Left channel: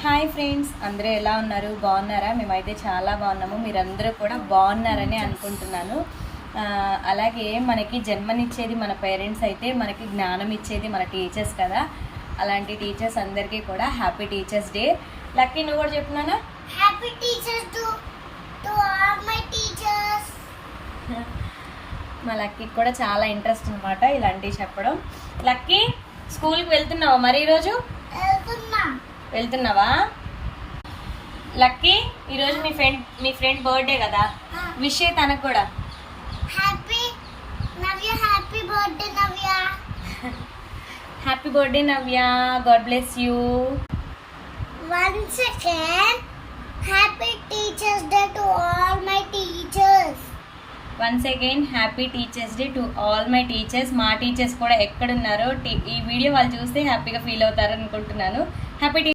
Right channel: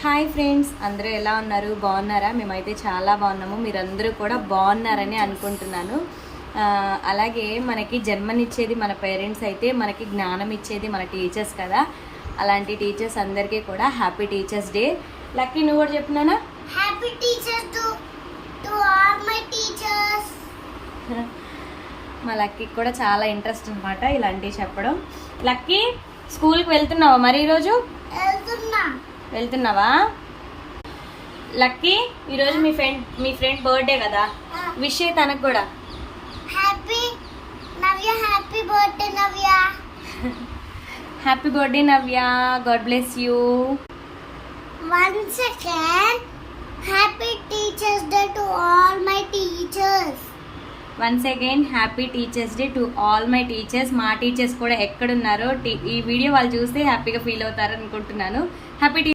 Hi friends, అందరూ ఎలా ఉన్నారు? బాగున్నారా? మేమైతే చాలా బాగున్నాము. మీరందరూ కూడా బాగున్నారని అనుకుంటున్నాను. అలాగే మనకి జన్మనిచ్చేది మన పేరెంట్స్ అయితే మనకి జ్ఞానం ఇచ్చేది మన టీచర్స్ కదా. అలాంటి టీచర్స్ అందరికీ కూడా హ్యాపీ టీచర్స్ డే. లక్కీ, నువ్వు కూడా చెప్తున్నానా? Happy teachers to all my teachers. మా లక్కీకి కూడా చాలా ఇంట్రెస్ట్ అనమాట ఇలాంటివి చెప్పడం. లక్కీ, స్కూల్కి వెళ్తున్నావా మరి ఈరోజు? వెళ్తున్నావా? లక్కీ, ఈరోజు మీ ఫ్రెండ్ బర్త్డే కదా, విష్ అయ్యి తనకు కూడా. Happy Navya, happy birthday Navya. Happy birthday Navya, God bless you. Once again happy teachers day to all my teachers. Once again happy teachers day to all my teachers. మా teachers కూడా ఎక్కడున్నారో ఈ video వాళ్ళు చూస్తే హ్యాపీగా feel అవుతారు అనుకుంటున్నాను. Happy